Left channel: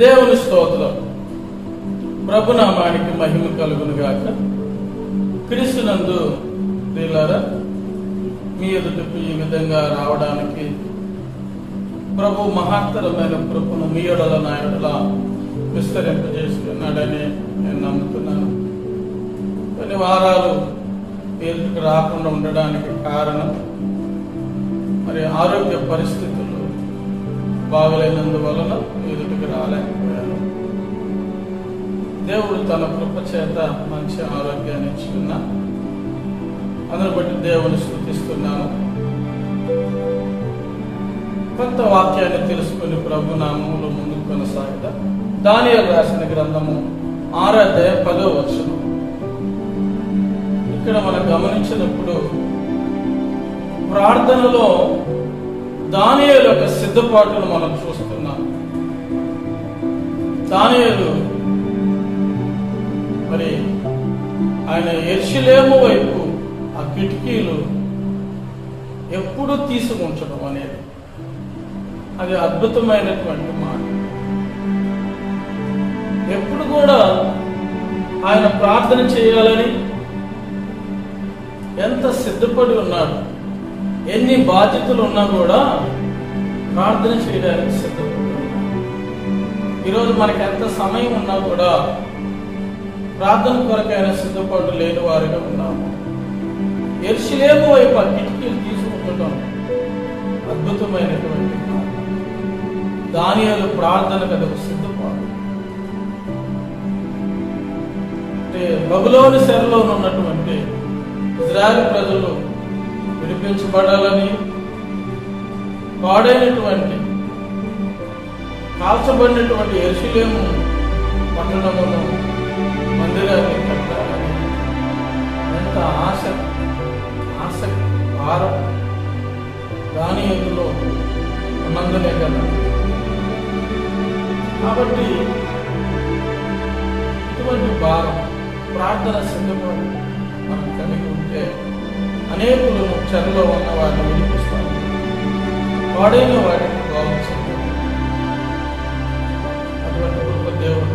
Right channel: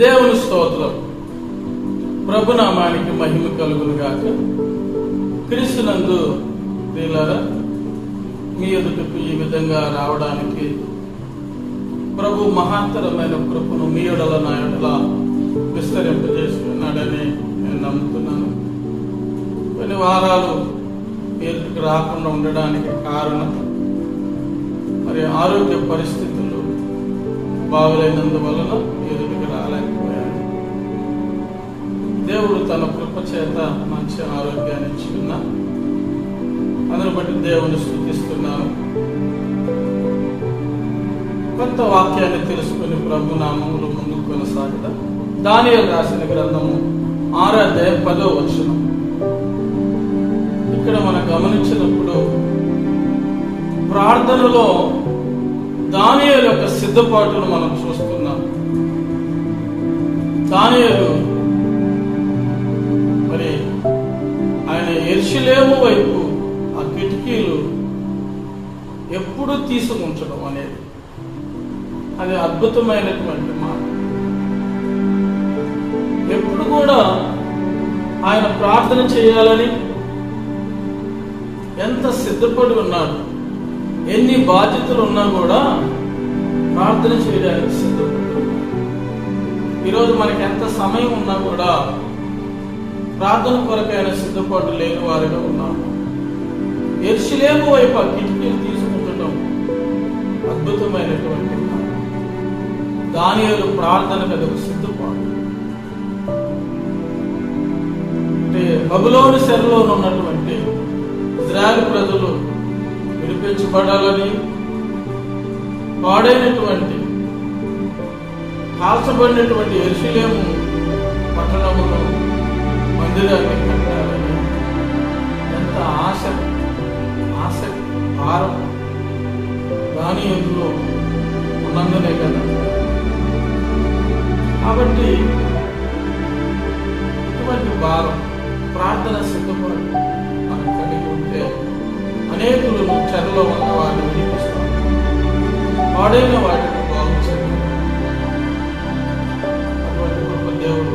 దేవుని స్తోత్రం. ప్రభునామానికి మహిమ కలుగును గాక. క్రీస్తునందు ప్రియులారా, మీ ఎదుటకు ఈ విధంగా రావడానికి ప్రభు మహత్తరమైన కృపను మీ ఎడల నా ఎడల విస్తరింపజేస్తున్నాడని నేను నమ్ముతున్నాను. కొన్ని వారాలు మీ ఎదుటికి రాకుండా ఉండడానికి కారణం మరి ఆరోగ్య పరిస్థితులు బాగలేనందువలన మీ ఎదుటికి రాలేకపోయాను. దేవుడు తన కృప చేత మంచి ఆరోగ్యాన్ని ఇచ్చి ఉన్నా, అందును బట్టి దేవుని స్తుతిస్తున్నాను. కొంత వాక్యాన్ని తెలుసుకుని ప్రభు నామములో ముందుకు కొనసాగదా. దానియేలు రాసిన గ్రంథము 6వ అధ్యాయం 10వ వచనం. ఇక్కడ మనం గమనించినప్పుడు ప్రార్థనలో దానియేలు యొక్క సిద్ధపాటును మనం చూస్తున్నాం. దానియేలు మరి ఆయన యెరూషలేము వైపు ఆ కిటికీలు ఎప్పుడు తీసుకుంచడం అనేది అది అద్భుతమైనటువంటి మాట. ఎప్పుడు కూడా ఆయన ప్రార్థన చేయాలని ఎంత సిద్ధపడి ఉన్నాడు. ఎన్ని బాధ్యతలు ఉన్నా కూడా ప్రార్థన చేయడానికి సిద్ధపడి ఉన్నాడు. ఈరోజు మనకి ఎంత సమయం ఉన్నా కూడా ప్రార్థన కొరకైన సిద్ధపాటు లేని వారిగా ఉన్నాము. యెరూషలేము వైపు ఆ కిటికీలు తీసుకుంటడం అద్భుతమైనటువంటి మాట. దానియేలు ప్రార్థనకు అది ఒక సిద్ధపాటు. అంటే బబులోను చెరలో ఉన్నటువంటి ఇజ్రాయెల్ ప్రజలు విడిపించబడాలని, పాడైనటువంటి కాల్చబడినటువంటి యెరూషలేము పట్టణమును మందిరాన్ని కట్టాలని ఎంత ఆసక్తి భారం దానియేలులో ఉన్నందునే కదా. కాబట్టి ఇటువంటి భారం ప్రార్థన సిద్ధపాటు మనం కలిగి ఉంటే అనేకులను చెరలో ఉన్న వారిని విడిపిస్తాం, పాడైన వాటిని బాగు చేయాలి. అటువంటి గొప్ప దేవుడు